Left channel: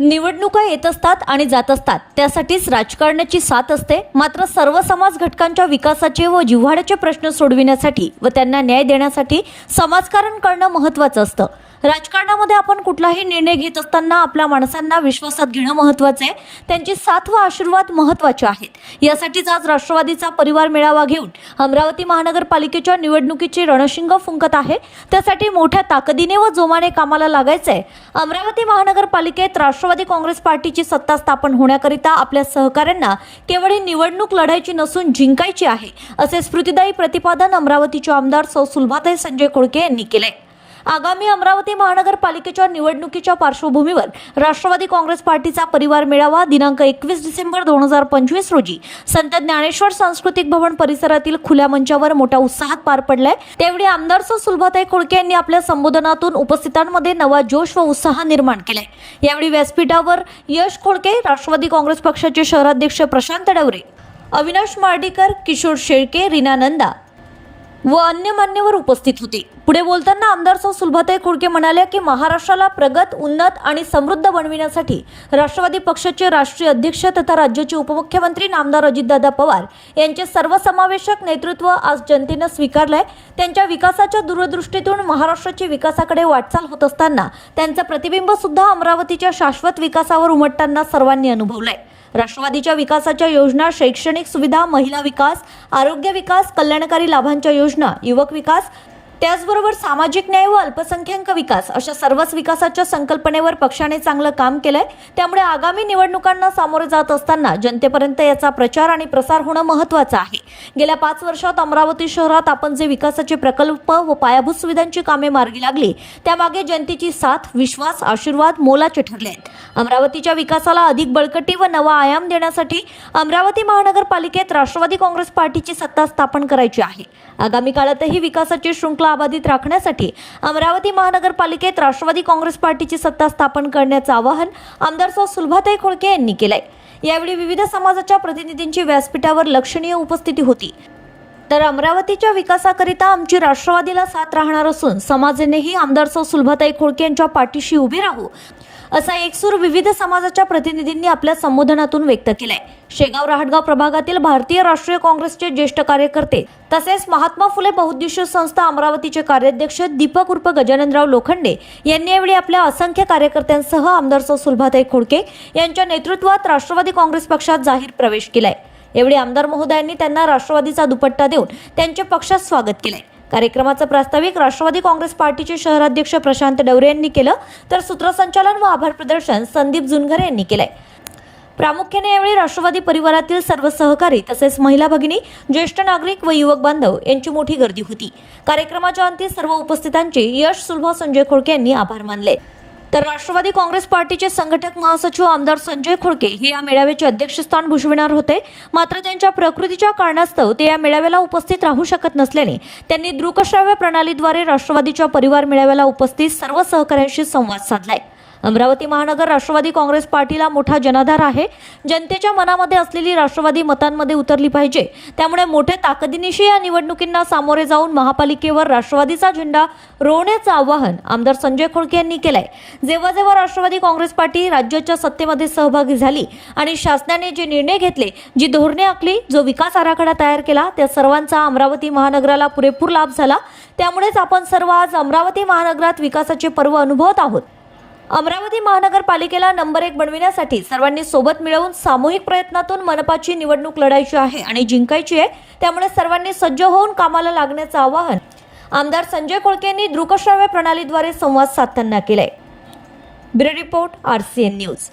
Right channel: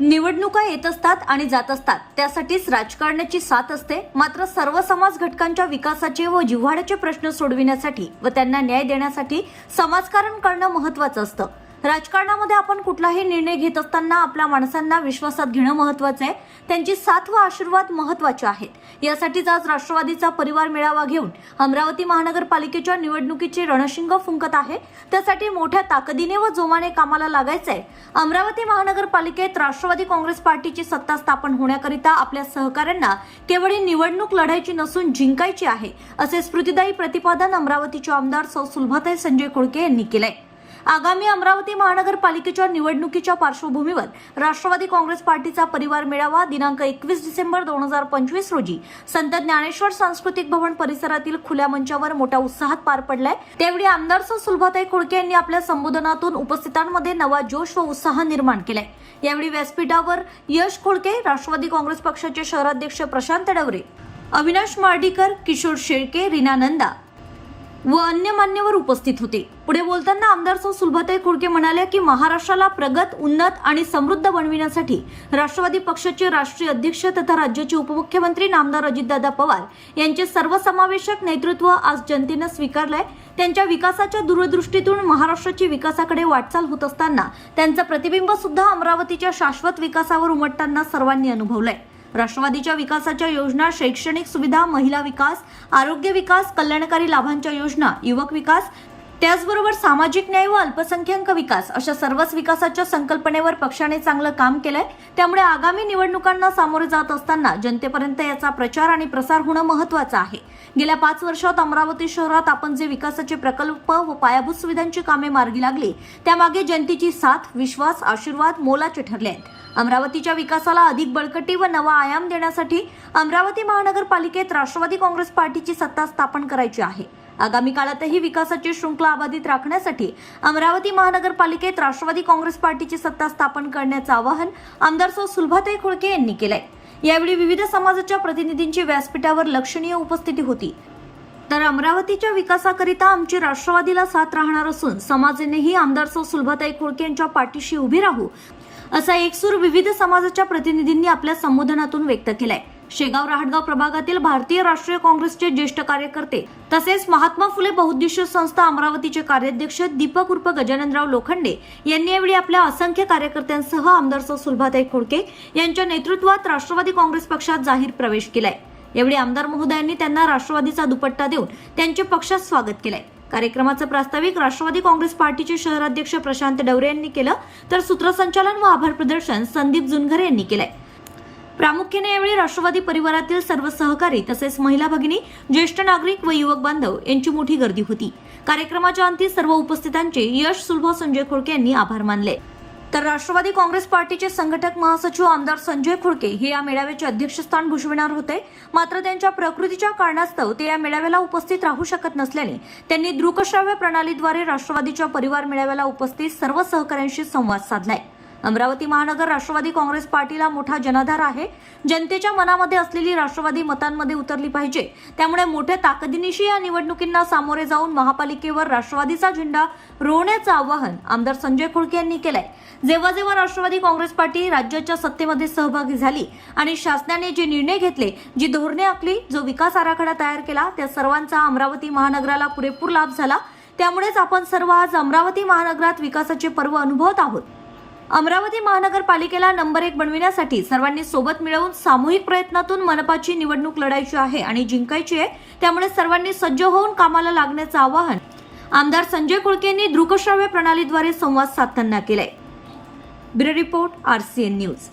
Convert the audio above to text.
निवडणुका येत असतात आणि जात असतात, त्यासाठीच राजकारणाची साथ असते. मात्र सर्व समाज घटकांच्या विकासाचे व जिव्हाळ्याचे प्रश्न सोडविण्यासाठी व त्यांना न्याय देण्यासाठी समाजकारण करणं महत्त्वाचं असतं. राजकारणामध्ये आपण कुठलाही निर्णय घेत असताना आपल्या माणसांना विश्वासात घेणं महत्त्वाचं आहे. त्यांची साथ व आशीर्वाद महत्त्वाचे आहेत. यासाठीच आज राष्ट्रवादीचा परिवार मेळावा घेऊन अमरावती महानगरपालिकेच्या निवडणुकीची रणशिंग फुंकत आहे. त्यासाठी मोठ्या ताकदीने व जोमाने कामाला लागायचंय. अमरावती महानगरपालिकेत राष्ट्रवादी काँग्रेस पार्टीची सत्ता स्थापन होण्याकरिता आपल्या सहकाऱ्यांना केवळ ही निवडणूक लढायची नसून जिंकायची आहे, असे स्फूर्तिदायी प्रतिपादन अमरावतीचे आमदार सौ सुलभाताई संजय खोडके यांनी केले. आगामी अमरावती महानगरपालिकेच्या निवडणुकीच्या पार्श्वभूमीवर राष्ट्रवादी काँग्रेस पार्टीचा परिवार मेळावा दिनांक 21 डिसेंबर 2025 रोजी संत ज्ञानेश्वर सांस्कृतिक भवन परिसरातील खुल्या मंचावर मोठ्या उत्साहात पार पडलाय. त्यावेळी आमदार सौ सुलभाताई खोडके यांनी आपल्या संबोधनातून उपस्थितांमध्ये नवा जोश व उत्साह निर्माण केलाय. यावेळी व्यासपीठावर यश खोडके, राष्ट्रवादी काँग्रेस पक्षाचे शहराध्यक्ष प्रशांत डवरे, अविनाश मार्डीकर, किशोर शेळके, रीना नंदा व अन्य मान्यवर उपस्थित होते. पुढे बोलताना आमदार सौ सुलभाताई खोडके म्हणाल्या की महाराष्ट्राला प्रगत, उन्नत आणि समृद्ध बनविण्यासाठी राष्ट्रवादी पक्षाचे राष्ट्रीय अध्यक्ष तथा राज्याचे उपमुख्यमंत्री नामदार अजितदादा पवार यांचे सर्वसमावेशक नेतृत्व आज जनतेनं स्वीकारलंय. त्यांच्या विकासाच्या दूरदृष्टीतून महाराष्ट्राची विकासाकडे वाटचाल होत असताना त्यांचं प्रतिबिंब सुद्धा अमरावतीच्या शाश्वत विकासावर उमटताना सर्वांनी अनुभवलंय. राष्ट्रवादीच्या विकासाच्या योजना, शैक्षणिक सुविधा, महिला विकास, आरोग्य विकास, कल्याणकारी लाभांच्या योजना, युवक विकास, त्याचबरोबर सामाजिक न्याय व अल्पसंख्याक विकास अशा सर्वच विकासाच्या संकल्पनेवर पक्षाने चांगलं काम केलंय. त्यामुळे आगामी निवडणुकांना सामोरे जात असताना जनतेपर्यंत याचा प्रचार आणि प्रसार होणं महत्त्वाचं आहे. गेल्या 5 वर्षात अमरावती शहरात आपण जे विकासाचे प्रकल्प व पायाभूत सुविधांची कामे मार्गी लागली, त्यामागे जनतेची साथ, विश्वास, आशीर्वाद मोलाचे ठरले आहेत. अमरावतीच्या विकासाला अधिक बळकटी व नवा आयाम देण्यासाठी अमरावती महानगरपालिकेत राष्ट्रवादी काँग्रेस पार्टीची सत्ता स्थापन करायची आहे. आगामी काळातही विकासाची शृंखला अबाधित राखण्यासाठी अमरावती महानगरपालिकेत राष्ट्रवादी काँग्रेस पार्टीची सत्ता स्थापन करण्याचं आवाहन आमदार सौ सुलभाताई खोडके यांनी केलंय. यावेळी विविध समाजाच्या प्रतिनिधींची व्यासपीठावर लक्षणीय उपस्थिती होती. तर अमरावतीच्या विकासाकरिता आमची राष्ट्रवादीला साथ राहणार असून समाजानेही आमदार सौ सुलभाताई खोडके यांच्या पाठीशी उभी राहू, असा एकसूर विविध समाजाच्या प्रतिनिधींनी आपल्या संबोधनातून व्यक्त केलाय. शेगाव राहटगाव प्रभागातील भारतीय राष्ट्रीय काँग्रेसचे ज्येष्ठ कार्यकर्ते तसेच महात्मा फुले बहुउद्देशीय संस्था अमरावतीचे कार्याध्यक्ष दीपक उर्फ गजाननराव लोखंडे यांनी यावेळी आपल्या असंख्य कार्यकर्त्यांसह आमदार सौ सुलभाताई खोडके यांच्या नेतृत्वात राष्ट्रवादी काँग्रेस पक्षात जाहीर प्रवेश केलाय. यावेळी आमदार महोदयांनी त्यांना राष्ट्रवादीचा दुपट्टा देऊन त्यांचे पक्षात स्वागत केलंय. कार्यक्रमाचं प्रास्ताविक राष्ट्रवादी काँग्रेस पार्टीचे शहराध्यक्ष प्रशांत डवरे यांनी केलं, तर सूत्रसंचालन व आभार प्रदर्शन संदीप जुनघरे यांनी केलंय. प्रामुख्याने यावेळी राष्ट्रवादी परिवारातील सर्व सहकारी तसेच महिला भगिनी, ज्येष्ठ नागरिक व युवक बांधव यांची मोठी गर्दी होती. कार्यक्रमाच्या अंती सर्व उपस्थितांचे यश सुलभा संजय खोडके यांनी आभार मानले. तर राष्ट्रवादी काँग्रेस पार्टीचे संघटक महासचिव आमदार संजय खोडके हे या मेळाव्याचे अध्यक्षस्थान भूषविणार होते. मात्र त्यांच्या प्रकृतीच्या कारणास्तव ते या मेळाव्याला उपस्थित राहू शकत नसल्याने त्यांनी दृकश्राव्य प्रणालीद्वारे राष्ट्रवादीच्या परिवार मेळाव्याला उपस्थित सर्व सहकाऱ्यांशी संवाद साधलाय. अमरावती महानगर राष्ट्रवादी काँग्रेस पार्टीला मोठा जनाधार आहे. जनतेच्या मनामध्ये असलेली राष्ट्रवादी मतांमध्ये उतरली पाहिजे. त्यामुळे मोठ्या ताकदीनिशी या निवडणुकींना सामोरे जाऊन महापालिकेवर राष्ट्रवादीचा झेंडा रोवण्याचं आवाहन आमदार संजय खोडके यांनी केलंय. जेव्हा जेव्हा राष्ट्रवादी काँग्रेस पार्टी राज्याच्या सत्तेमध्ये सहभागी झाली आणि शासनाने जे निर्णय घेतले, जी धोरणे आखली, जो विकास आराखडा तयार केला, त्या सर्वांचा अमरावती महानगराला पुरेपूर लाभ झाला. त्यामुळेच आपण सर्व आज अमरावती महानगरात विकासाचे पर्व अनुभवत आहोत. अमरावती महानगरपालिकेला नंबर 1 बनविण्यासाठी सर्वांनी सोबत मिळवून सामूहिक प्रयत्नातून मनपाची निवडणूक लढायची आहे आणि जिंकायची आहे. त्यामुळे सर्वांनी सज्ज होऊन कामाला लागण्याचं आवाहन आमदार संजय खोडके यांनी दृकश्राव्य प्रणालीद्वारे संवाद साधताना केलंय. Bureau report, RCN news.